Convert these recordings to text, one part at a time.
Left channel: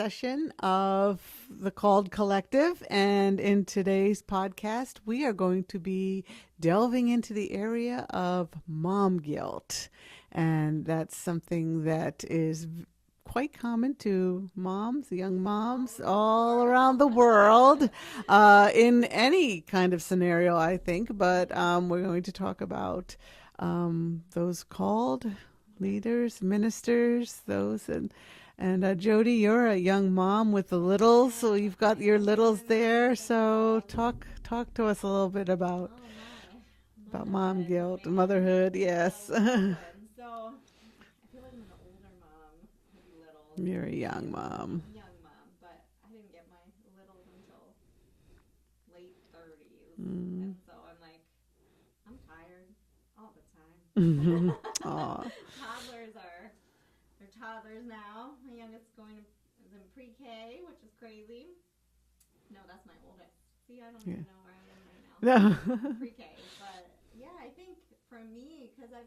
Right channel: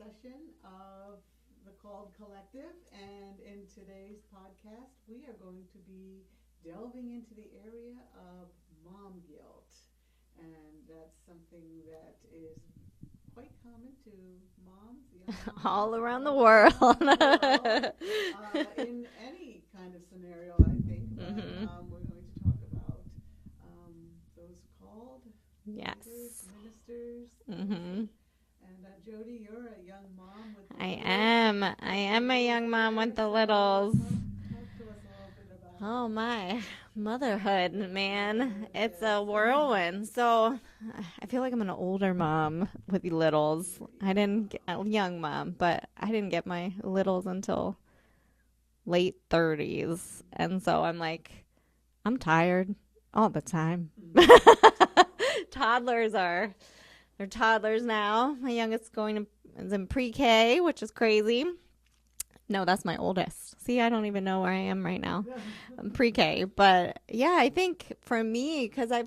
session of the Called Collective. And in today's podcast, we are going to be delving into the area of mom guilt. And that's something that is quite common to moms, young moms, all around the world, in any kind of scenario, I think. But we're going to talk about those called leaders, ministers, those and Jody, you're a young mom with the littles, so you've got your littles there. So talk to us a little bit about motherhood, man. Motherhood, it's a whirlwind. So I feel like I'm an older mom with littles. You're a young mom. A young mom, but I didn't get my littles until late 30s, and so I'm tired all the time. They're toddlers now. My youngest is in pre-K, which is crazy. No, that's my oldest. See, I don't even know where I am right now. I'm pre-K. But yeah, I think for me, because I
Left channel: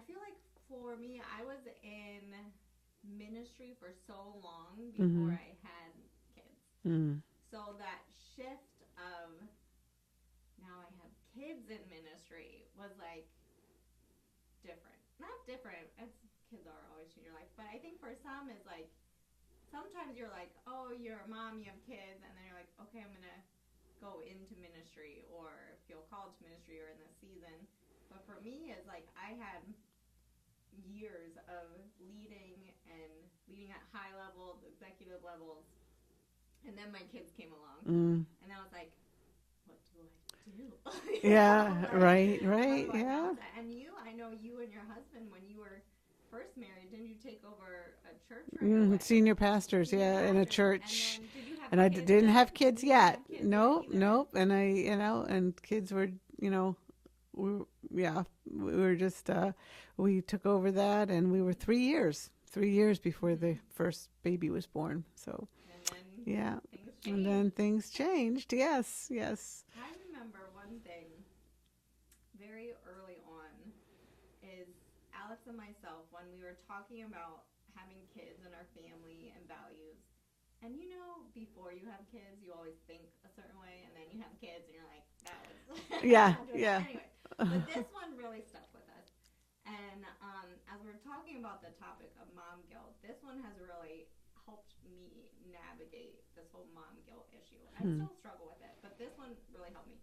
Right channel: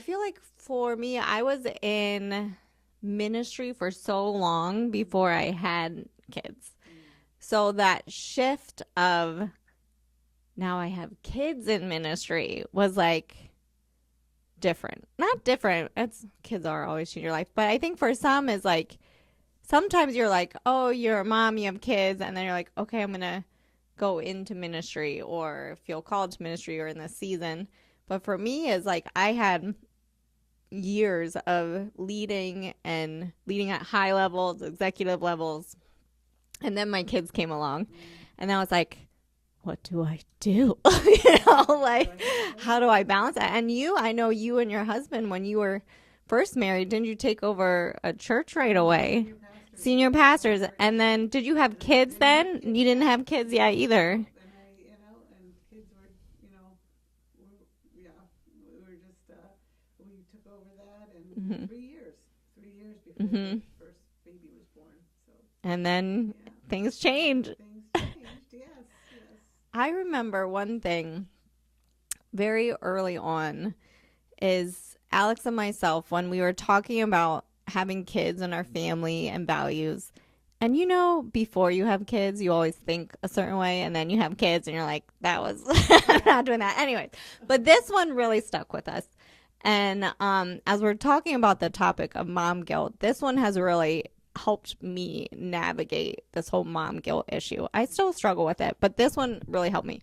feel like for me, I was in ministry for so long before I had kids. So that shift of now I have kids in ministry was different. Not different. Kids are always in your life. But I think for some is sometimes you're oh, you're a mom, you have kids, and then you're okay, I'm going to go into ministry or feel called to ministry or in this season. But for me is I had years of leading at high levels, executive levels. And then my kids came along and I was what do I do? How do I balance that? And I know you and your husband, when you were first married, didn't you take over a church right away? Senior pastors. And then did you have kids then? You didn't have kids yet either. Nope. And and kids were, we were just, we took over that and we were 3 years before the first baby was born. So and then things changed. Yes. I remember one thing very early on is Alex and myself, when we were talking about having kids in our family and values. And before you have kids, you always think a certain way, and then you have kids and you're that was not doing that. Anyways, but this one really stuck with us. And as we're talking about the topic of mom guilt, this one has really helped me navigate this whole mom guilt issue. I still struggle with it, but this one really helped me.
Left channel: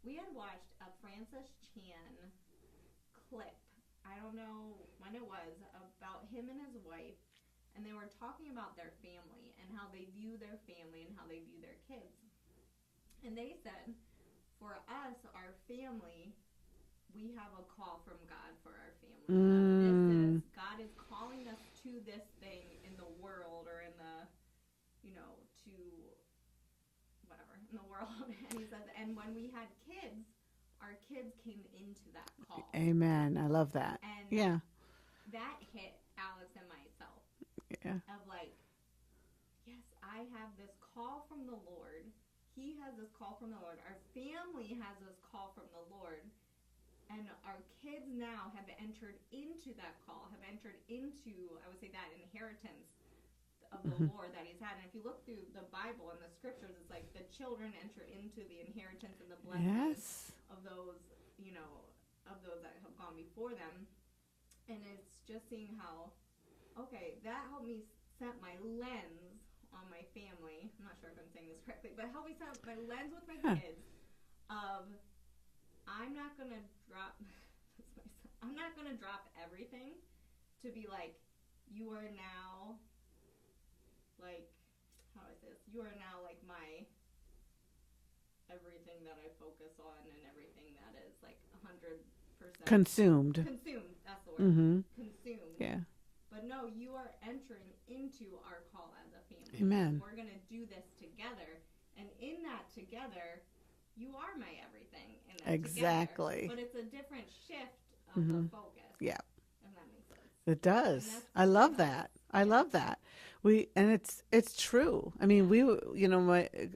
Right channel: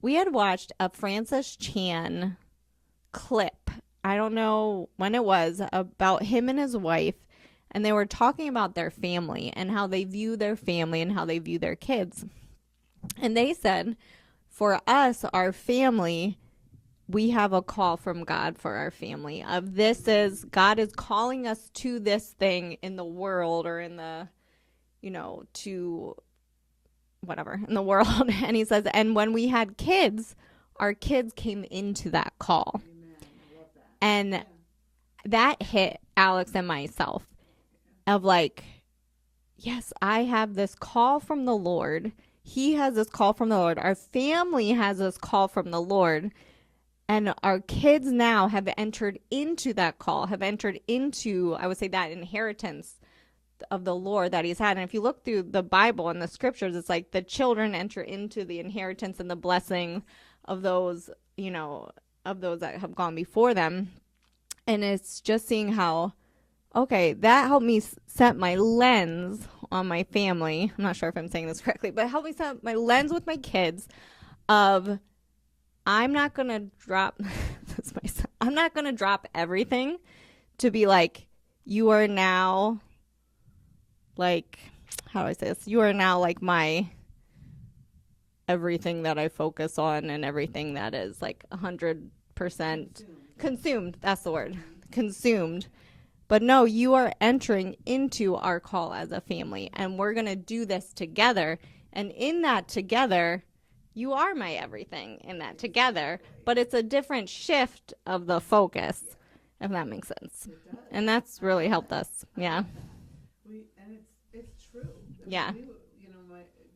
We had watched a Francis Chan clip, I don't know when it was, about him and his wife, and they were talking about their family and how they view their family and how they view their kids. And they said, for us, our family, we have a call from God for our family of God is calling us to this thing in the world or in the, to whatever in the world. And he says, and when we had kids, our kids came into that call. Amen. I love that. And that hit Alex and myself of yes, I have this call from the Lord. He has this call from the Lord. Our family has this call from the Lord. And our kids now have entered into that call, have entered into, I would say, that inheritance of the Lord that he's had. And if you look through the Bible and the scriptures, it's the children enter into the inheritance and the blessing of those, of those that have gone before them. And it's just seeing how, okay, that helped me set my lens on my family. I'm not sure if I'm saying this correctly, but helped me set my lens with my kids of, I'm not going to drop I'm not going to drop everything to be you are now how do I say this? You are now my everything that I focus on and everything that is 100% consumed. That's the word. Consumed. Yeah. But no, you are entering into our call as a family. Amen. And we're going to do this together. And in that together, you are my everything in that together. But it's a different shift of the focus. Yeah. If that makes sense. It does. And that's really helped us. I love that. It's true. I mean,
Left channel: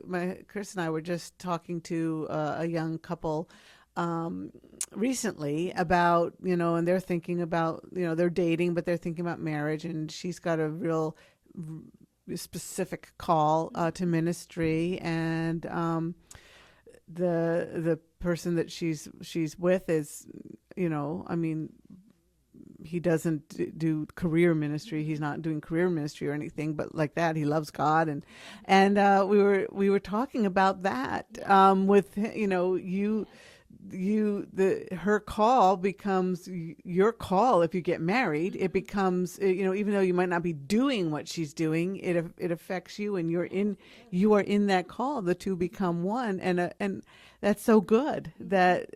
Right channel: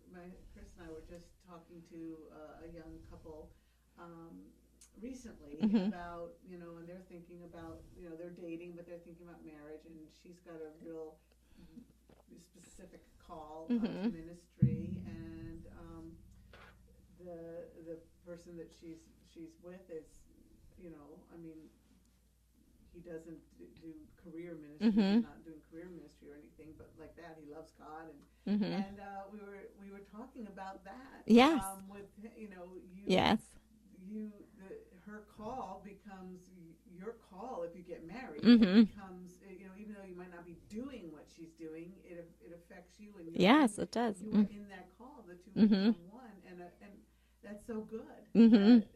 my Chris and I were just talking to a young couple recently about, and they're thinking about, they're dating, but they're thinking about marriage, and she's got a real specific call to ministry, and the person that she's with is, I mean, he doesn't do career ministry. He's not doing career ministry or anything, but like that, he loves God, and we were talking about that. With you. Yes. Her call becomes your call. If you get married, it becomes, even though you might not be doing what she's doing, it affects you, and it does. You are in that call. The two become one, and that's so good. That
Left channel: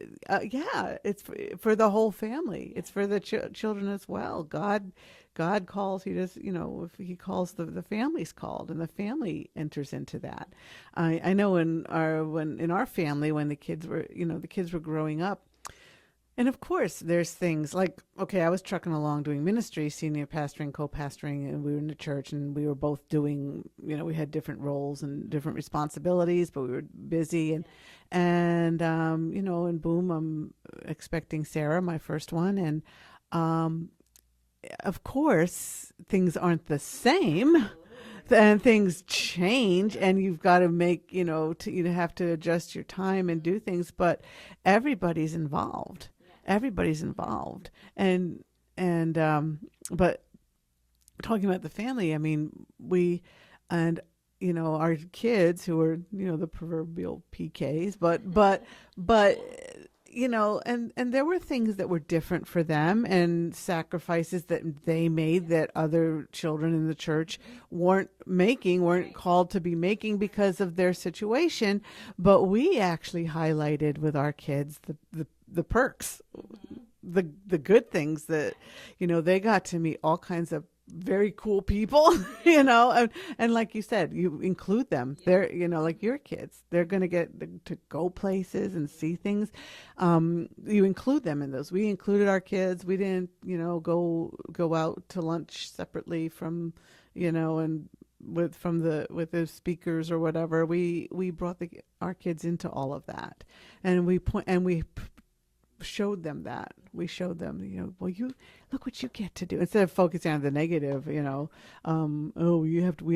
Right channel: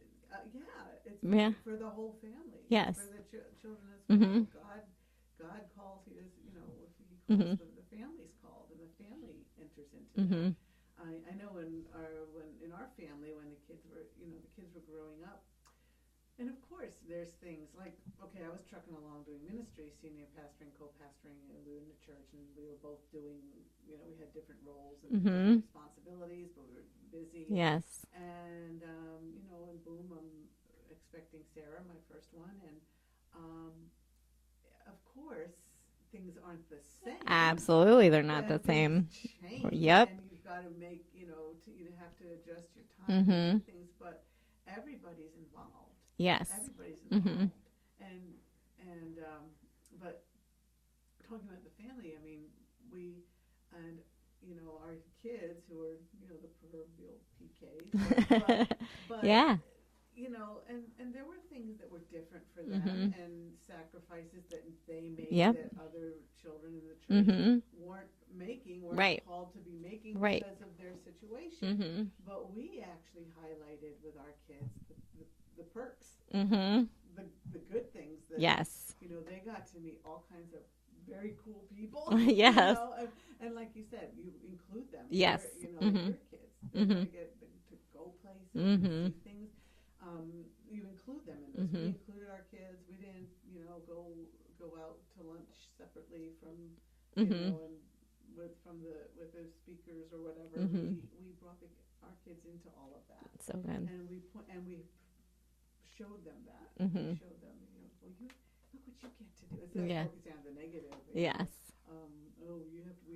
it's for the whole family. Yes. It's for the children as well. God calls. He does, if he calls, the family's called, and the family enters into that. I know in our family, when the kids were growing up, and of course there's things like, okay, I was trucking along doing ministry, senior pastoring, co-pastoring, and we were in the church, and we were both doing, we had different roles and different responsibilities, but we were busy. And and boom, I'm expecting Sarah, my first one, and of course, things aren't the same. Absolutely, they're not. And the same. things change, and you've got to make, you have to adjust your time and do things. But everybody's involved. Yes, everybody's involved. And but talking about the family, I mean, our kids who are, the proverbial PKs, but. Yeah. And there were things that were different for them, and sacrifices that they made that other children in the church weren't called to be making because of their situation. But we actually highlighted with our kids the perks, the good things that, they got to meet all kinds of very cool people, and like you said, you include them. They're, like your kids, they're going to get to go places and see things. You include them in those. We included our kids. We didn't, go out to lunch separately from, and with the speakers or whatever. We brought our kids into all of that, and we showed them that. We showed them, well, you look what you get to do, instead of focusing on the negative. We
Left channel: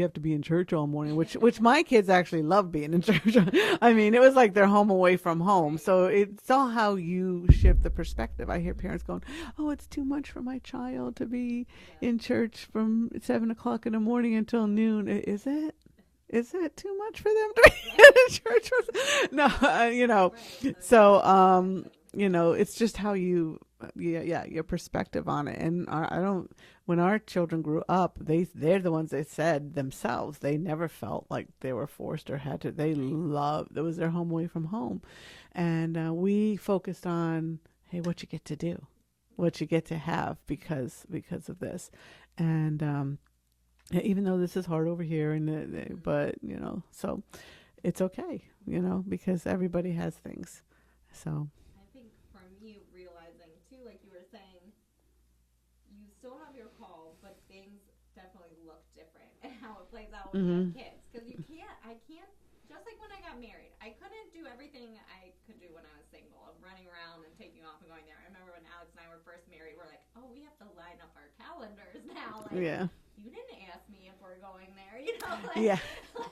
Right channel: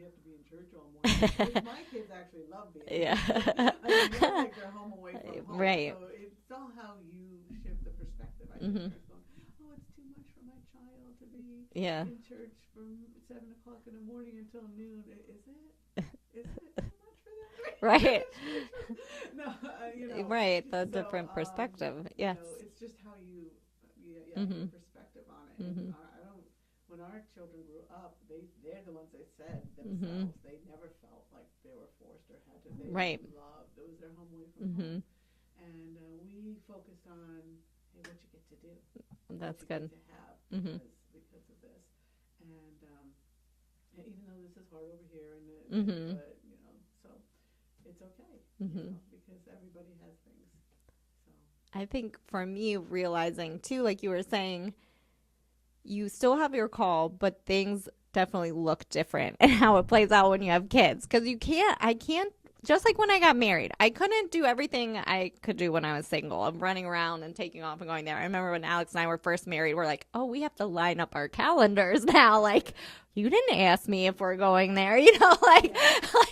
have to be in church all morning, which my kids actually love being in church. I mean, it was like they're home away from home. So it's all how you shift the perspective. I hear parents going, "Oh, it's too much for my child to be in church from 7 o'clock in the morning until noon." Is it? Is it too much for them to be in church? No, Right. So, it's just how you, your perspective on it. And when our children grew up, they're the ones that said themselves, they never felt like they were forced or had to. They loved, it was their home away from home. And we focused on, hey, what you get to do, what you get to have because of this. And, even though this is hard over here, and but so it's okay, because everybody has things. So I think for me, realizing too, like you were saying, you still have your call, but things definitely look different and how it plays out when you have kids. Because I can't, just like when I got married, I couldn't do everything I could do when I was single. I'm running around and taking off and going there. I remember when Alex and I were first married, we're like, oh, we have to line up our calendars now. Like, you didn't ask me if we're going there, like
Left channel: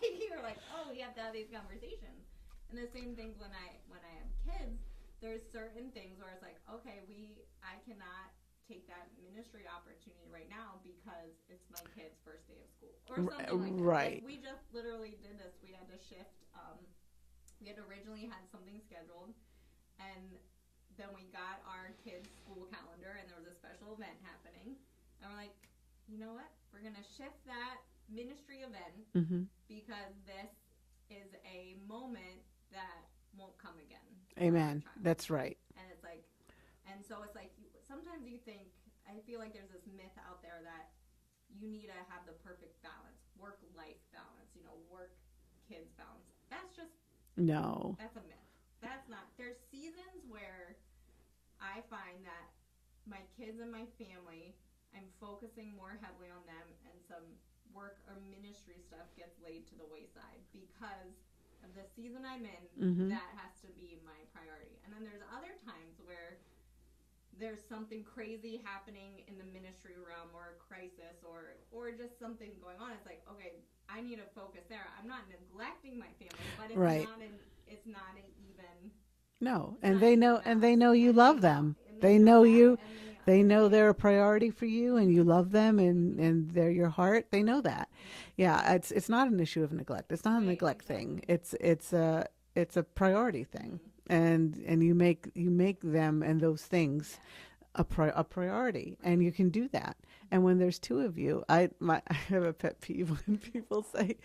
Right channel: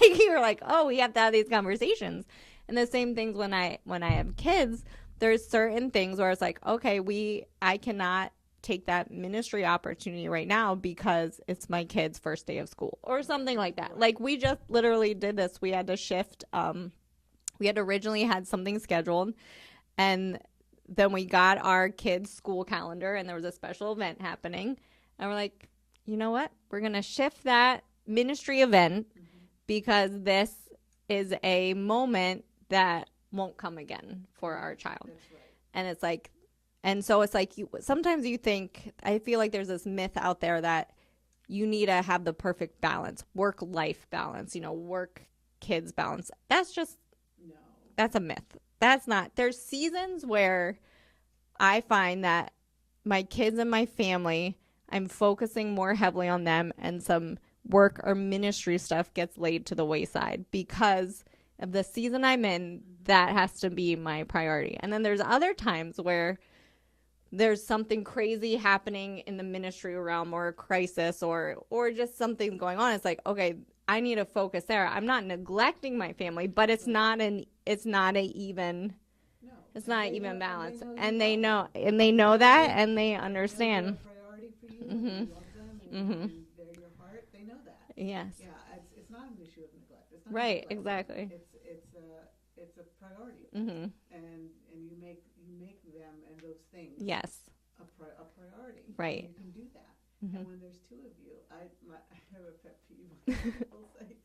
you were like, oh, we have to have these conversations. And the same things when I have kids, there's certain things where it's like, okay, I cannot take that ministry opportunity right now because it's my kid's first day of school or something like that. Like we just literally did this. We had to shift. We had originally had something scheduled, and then we got our kids' school calendar, and there was a special event happening, and we're like, you know what? We're going to shift that ministry event because this is a moment that won't come again for our child. That's right. And it's like, and so it's like sometimes you think, I feel like there's this myth out there that you need to have the perfect balance, work-life balance, work-kids balance. That's a myth. That's not. There's seasons where I find that my kids and my family, I'm focusing more heavily on them, and some work or ministry stuff gets laid to the wayside because of the season I'm in. That has to be my priority. And then there's other times where there's something crazy happening in the ministry realm or a crisis or just something going on. It's like, okay, I need to focus there. I'm not neglecting my family, but it's not a even. No, it's and not they even know, balance. and they know you and love they know, them, and they know that, you, and they they understand. know they're a priority for you, and you love them, and Mhm. and they're your heart. They know that. Yes. Yeah, it's not an issue of neglect. It's not a Right, neglect exactly. thing. It's a priority thing, Mhm. and you make them and those things Yes. a priority, Right. and you can do that. And when there's two of you, I have a pet peeve when people say,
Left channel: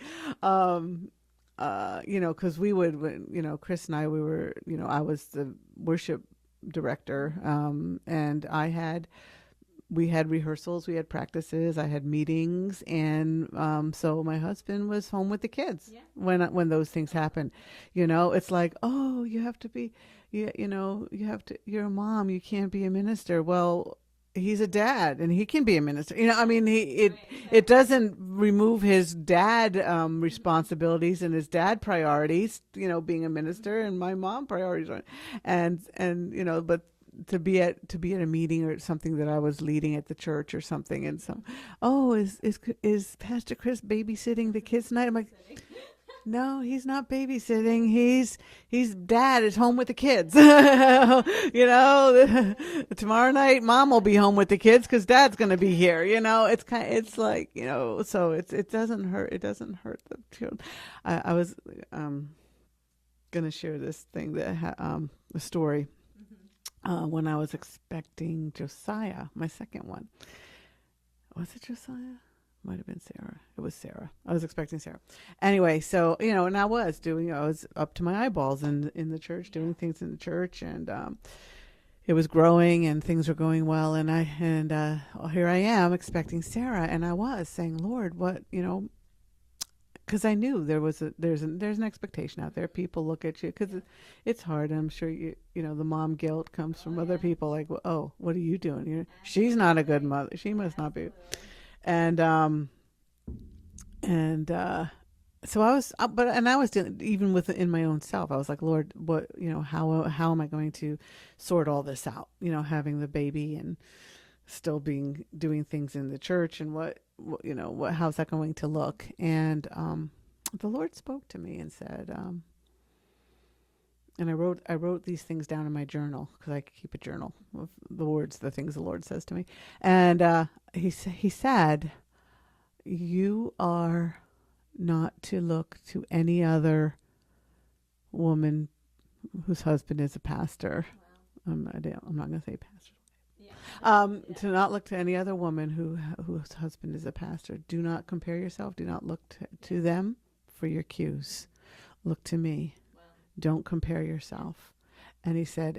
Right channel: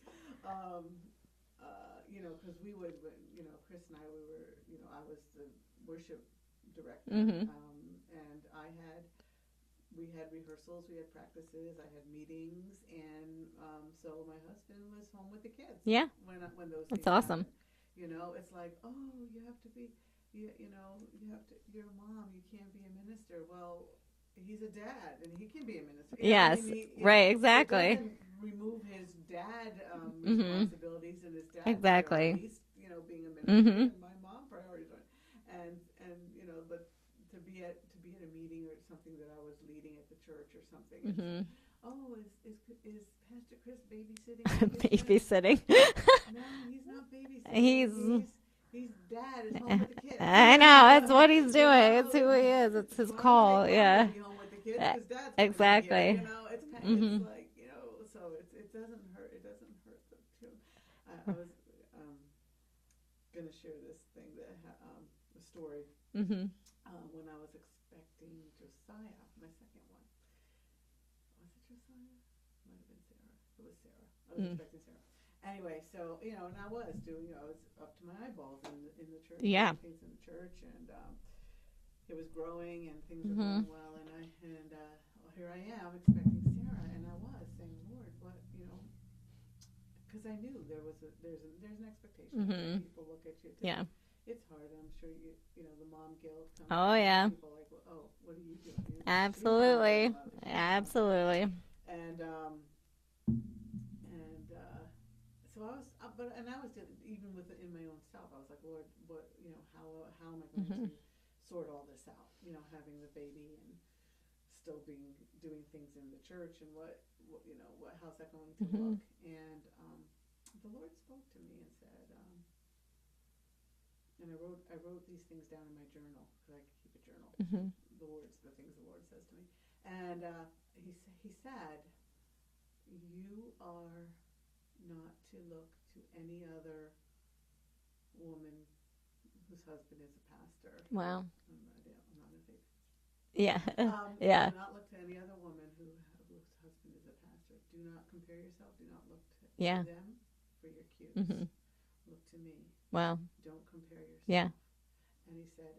because we would, Chris and I, we were, I was the worship director, and we had rehearsals, we had practices, I had meetings, and so my husband was home with the kids. Yeah. When those That's things awesome. happen, it's like, oh, you have to be, you have to. You're a mom, you can't be a minister. Well, he's a dad, and he can be a minister. I mean, right, exactly. it doesn't remove his dad responsibilities and his dad Exactly. priorities. Being a minister, and my mom priorities, and but to be at a meeting or something that I was leading at the church or something, and is Pastor Chris babysitting the kids tonight? I'm like, Babysitting. no, he's not babysitting. He's dad is home with the kids. I know, that's what he's doing. That's who he is. It's his Tomorrow call, night, mom will be home with the kids because dad's going to be here. Exactly. It's kind. It's like so it doesn't hurt. It doesn't hurt the children. I was going to share this thing that a story. When I was expecting Josiah, my second one. Was it Josiah? Might have been Sarah. It was Sarah. I was expecting Sarah. Anyway, so, and I was up to my eyeballs in the church, doing things in the church, and it was growing and things were going well, and here I am expecting Sarah, and I was saying, Lord, what, because I knew there's an expectation out there. People look at you because it's hard. I'm sure the mom guilt comes from other people like, well, oh, what are you doing? She's not a good mother. She must not be. Absolutely. So I was, I was doing, even within my own self. I was like, Lord, what, how am I going to sort all this out? Having the baby and still doing things in the church, and how's that going to look? And the Lord spoke to me and said, and I wrote these things down in my journal because I keep a journal of the things the Lord says to me. And he said, you are not to look to any other woman whose husband is a pastor. Wow. I'm not going to say pastor. Yeah. Do not look to any other woman whose husband is a pastor. Do not compare yourself. Do not look to them for your cues. Look to me. Wow. Don't compare yourself. And he said,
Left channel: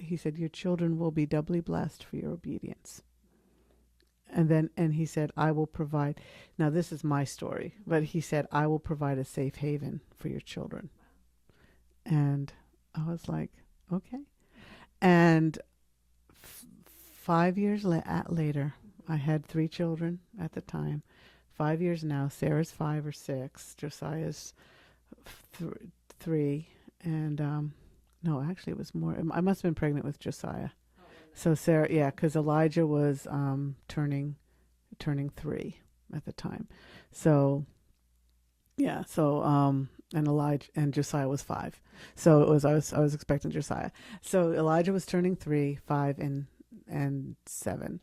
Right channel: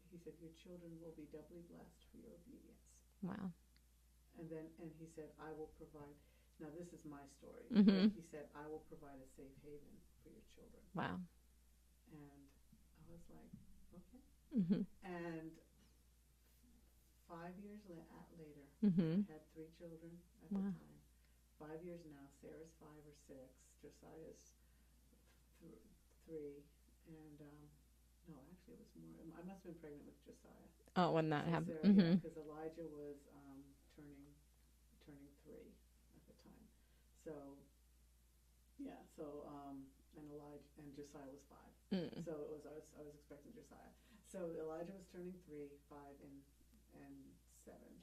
he said, your children will be doubly blessed for your obedience. Wow. And he said, I will provide. Now, this is my story, but he said, I will provide a safe haven for your children. Wow. And I was like, okay. And 5 years later, I had 3 children at the time. 5 years now. Sarah's 5 or 6. Josiah's 3. And no, actually, it was more. I must have been pregnant with Josiah. Oh, when that so happened. Sarah, because Elijah was turning 3 at the time. So and Elijah and Josiah was 5. So it was I was expecting Josiah. So Elijah was turning 3, 5, and 7.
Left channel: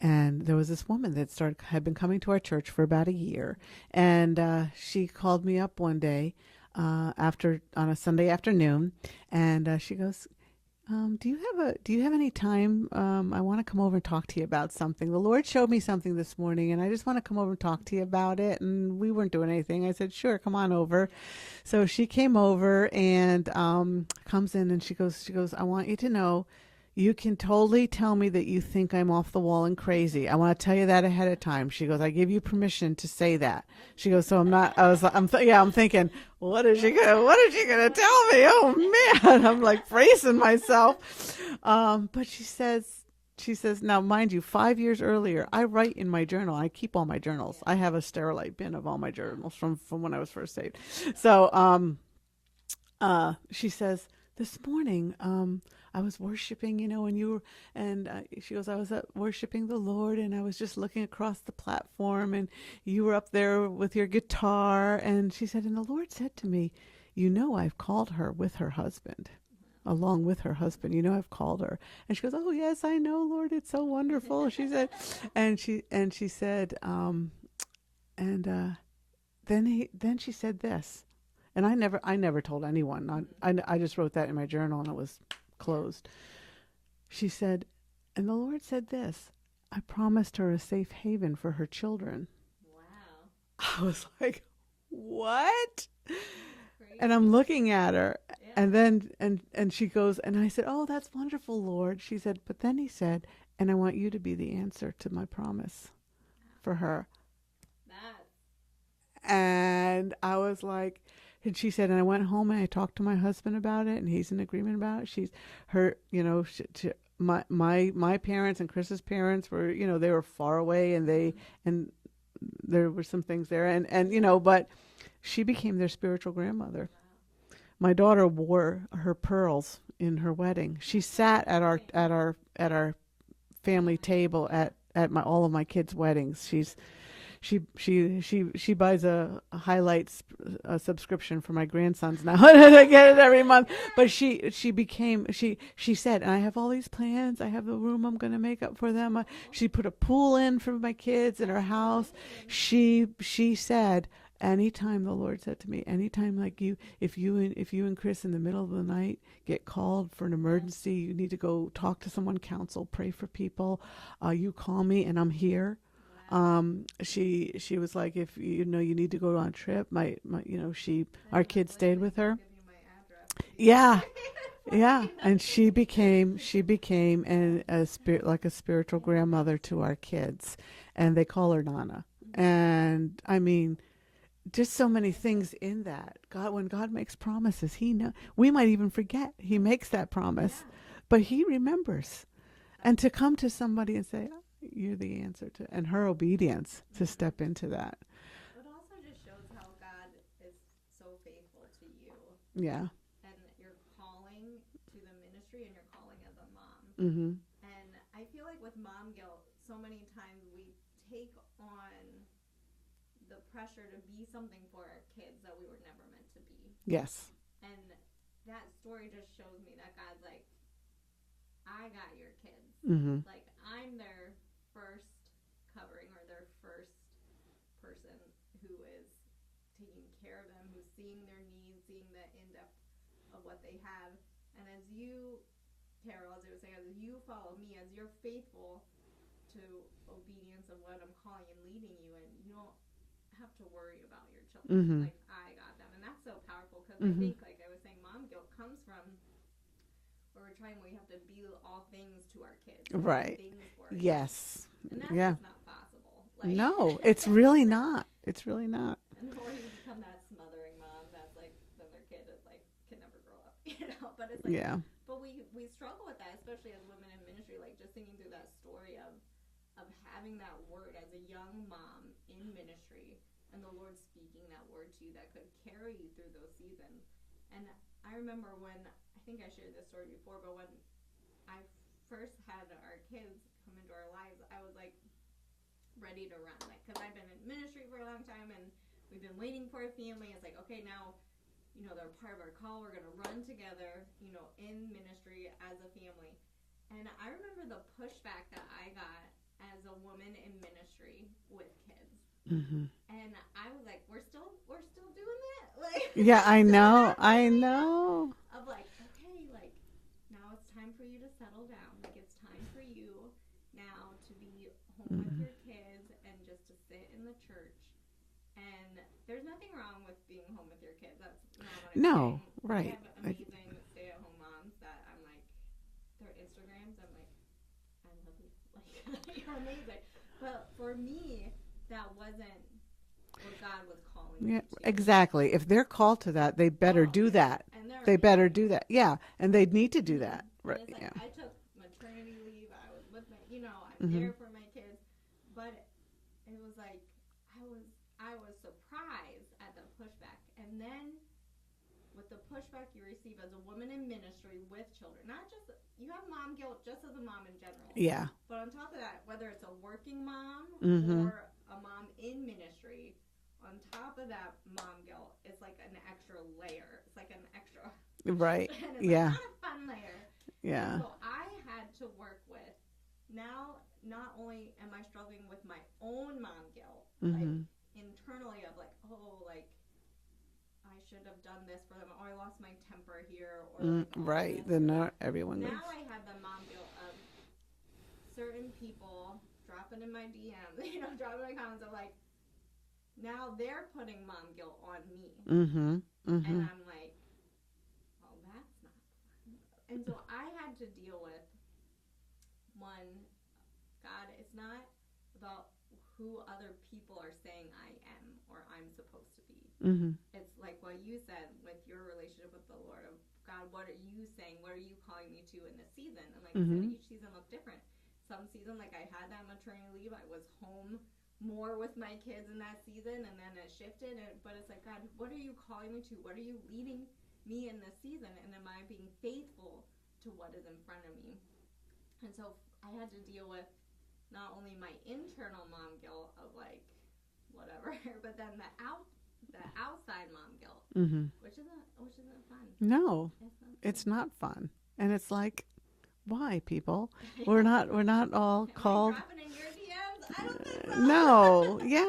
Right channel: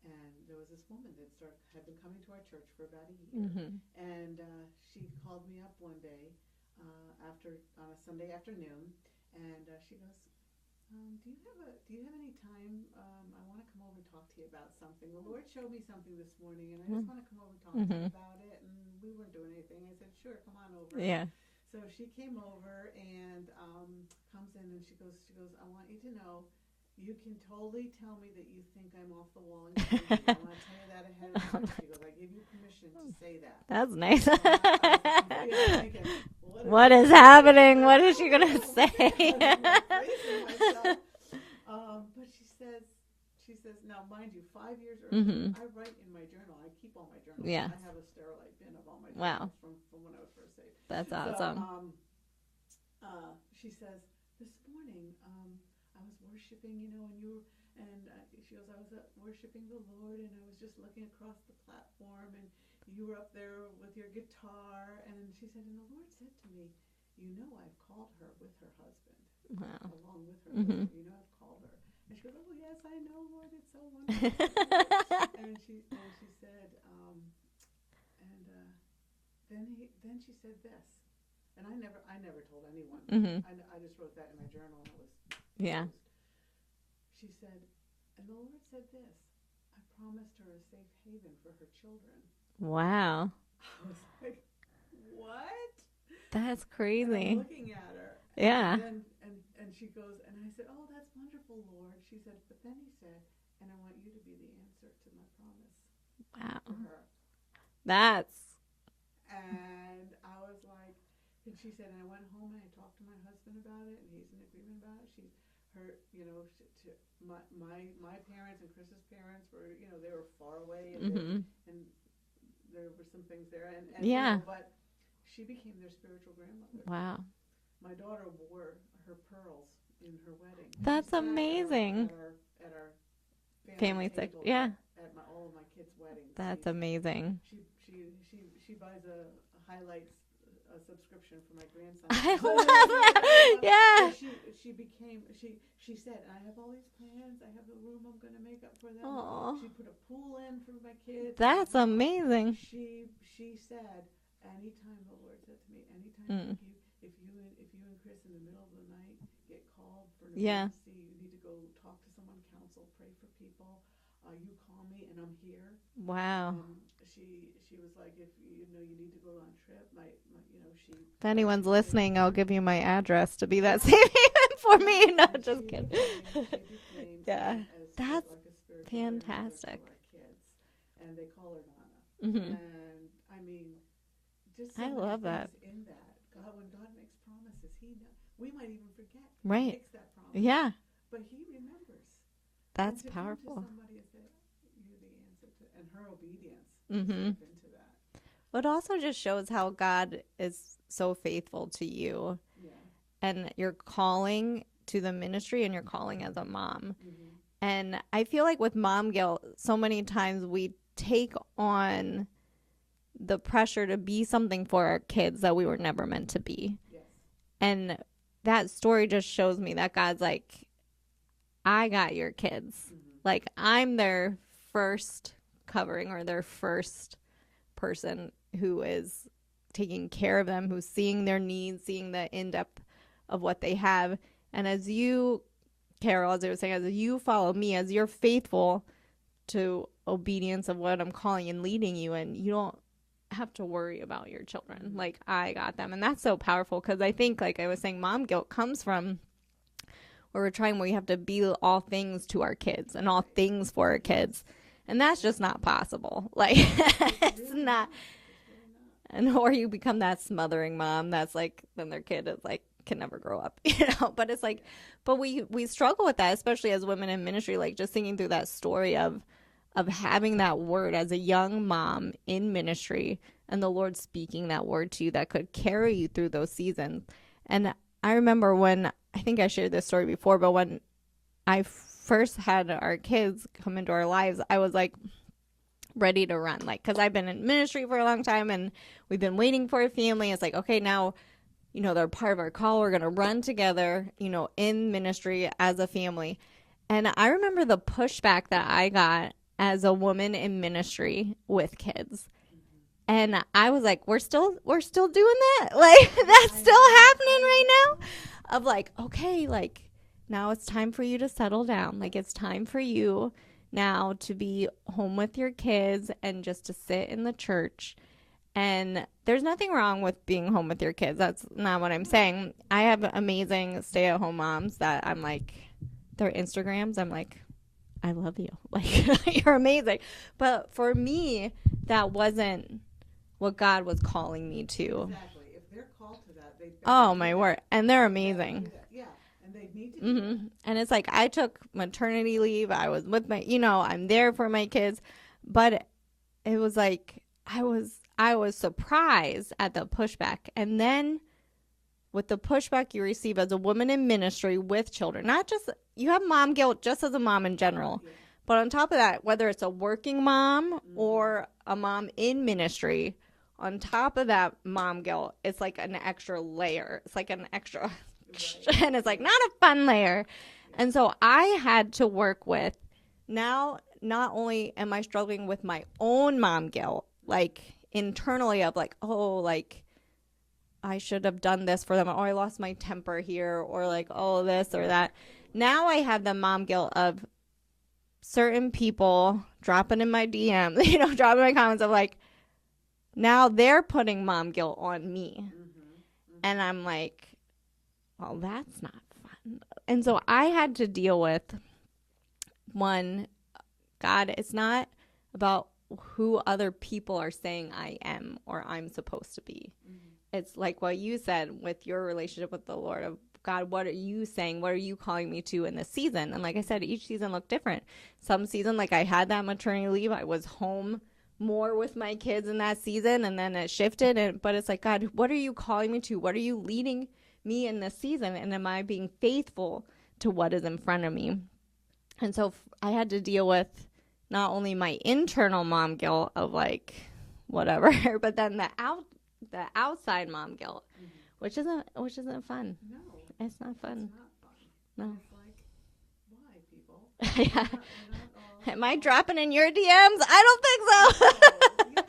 And there was this woman that had been coming to our church for about a year, and she called me up one day on a Sunday afternoon, and she goes, do you have any time? I want to come over and talk to you about something. The Lord showed me something this morning, and I just want to come over and talk to you about it. And we weren't doing anything. I said, sure, come on over. Yeah. So she came over and comes in, and she goes, I want you to know, you can totally tell me that you think I'm off the wall and crazy. I want to tell you that ahead of time. She goes, I give you permission to say that. That's She nice. goes, so I'm thinking, what is happening? What is she gonna What tell is me? she Oh gonna man, I'm like bracing myself. But she says, now mind you, 5 years earlier, I write in my journal. I keep all my journals. Yeah. I have a Sterilite bin of all my journals from when I was first saved. That's So, awesome. she says, this morning, I was worshiping, and you were, and she goes, I was worshiping the Lord, and I was just looking across the platform, and you were up there with your guitar. And she said, and the Lord said to me, I've called her with her husband, along with her husband. I've called her. And she goes, oh yes, I know, Lord, it's so wonderful. She said, and she said, then she said this, and I never told anyone. I just wrote that in my journal, and it was closed. She said, and the Lord said this, I promised her a safe haven for her children. Wow. I was like, what? That's crazy. And I'm looking at her. Yeah. And then and she goes, and I said, oh, that's wonderful, Lord. She said, but then he said, and I want you to be the answer to my promise for her. And I was like, and she said, and I went home and I talked to my husband about it, and he's in agreement about it. She's her, my parents and Chris's parents were, they were far away, and and there were some things there, and but she became their spiritual grandmother. Wow. My daughter wore her pearls in her wedding. That's she sat amazing. at our family table at all of my kids' weddings. That's amazing. She buys a highlights subscription for my grandsons now. I get it every month. Yeah. But she said, and I have all these plans. I have the room I'm going to make up for them. She put a pool in for my kids. That's in her house. amazing. She said, anytime, the Lord said to me, anytime like if you and Chris in the middle of the night get called for an emergency, you need to go talk to someone, counsel, pray for people, you call me and I'm here. Wow. She was like, if you need to go on a trip, my she. If anyone's listening, I'll give you my address to be that yeah. for yeah. me. No, and she became a spiritual grandmother fantastic. to our kids, and they call her Nana. And I mean, just so many things in that. God, when God makes promises, He knows. We might even forget He makes that promise. Yeah, but He remembers. That's and to powerful. come to somebody and say, "You're the answer to," and her obedience to step into that. It also just shows how God is so faithful to you. Yeah. And your calling to the ministry, and your calling as a mom. Mm-hmm. And I feel like with mom guilt, so many times we take on the pressure to be something for our kids that we were never meant to be. Yes. And that story just shows me that God's like, I got your kids. Like, I'm their first covering, or their first person who is taking care of them, who's seeing their needs, seeing the in-depth of what they have. And as you, Carol, as I was saying, as you follow me, as you're faithful to obedience of what I'm calling and leading you, and you don't have to worry about your children. Like, I got them. And that's so powerful, because I think, like I was saying, mom guilt comes from where we have to be all things to our kids and all things for our kids. And that's just not possible. Like, no, it's really not. It's really not. And or you become that smothering mom that's like, then their kid is like, can never grow up, but it's like, but we struggle with that, especially as women in ministry, like just thinking through that story of having that word as a young mom in ministry, and the Lord speaking that word to you that could carry you through those seasons. And I remember when, I think I shared this story before, but when I first had our kids come into our lives, I was like ready to run, like, because I've been in ministry for a long time and we've been waiting for a family. It's like, okay, now, they're part of our call. We're going to run together, in ministry as a family. And I remember the pushback that I got as a woman in ministry with kids. And I was like, we're still doing that? Like, that's still happening right now? Of like, okay, like, now it's time for you to settle down. Like, it's time for you now to be home with your kids and just to sit in the church. And there's nothing wrong with being home with your kids. That's not what I'm saying. Right. I have amazing stay-at-home moms that I'm like, their Instagrams, I'm like, I love you. Like, you're amazing. But for me, that wasn't what God was calling me to. Exactly. If they're called to that, they better do that. Word. And they're amazing. They better do that. Yeah. And they need to do that. And it's like, I took maternity leave. I was with my, I'm there for my kids. But it was like, I was surprised at the pushback. And then with the pushback you receive as a woman in ministry with children. Not just, you have mom guilt just as a mom in general. Yeah. But on top of that, whether it's a working mom or a mom in ministry, on top of that mom guilt, it's like an extra layer. It's like an extra, right. And it's like not a fun layer. Yeah. And so I had to work with, now not only am I struggling with my own mom guilt, like internally of like, oh, like I should have done this for them, or I lost my temper here, or like, oh, this or that. Now I have the mom guilt of certain people dropping in my DM, you know, dropping my comments of like, now they're putting mom guilt on me. And I'm like, well, that's not fun. And so I had to deal with, one, God, it's not about who other people are saying I am or I'm supposed to be. It's like what you said with your relationship with the Lord of, God, what are you saying? What are you calling me to in this season? And like I said, each season looked different. Some season, like I had that maternity leave, I was home more with my kids in that season, and then it shifted. But it's like, God, what are you calling me to? What are you leading me in this season? And am I being faithful to what is in front of me? And so I had to deal with not only my internal mom guilt of like whatever, but then the outside mom guilt, which isn't fun. No, it's not fun. It's not fun. No. And it's like, why, people? We're not all. Am I dropping in your DMs? I don't think so. No. Yeah.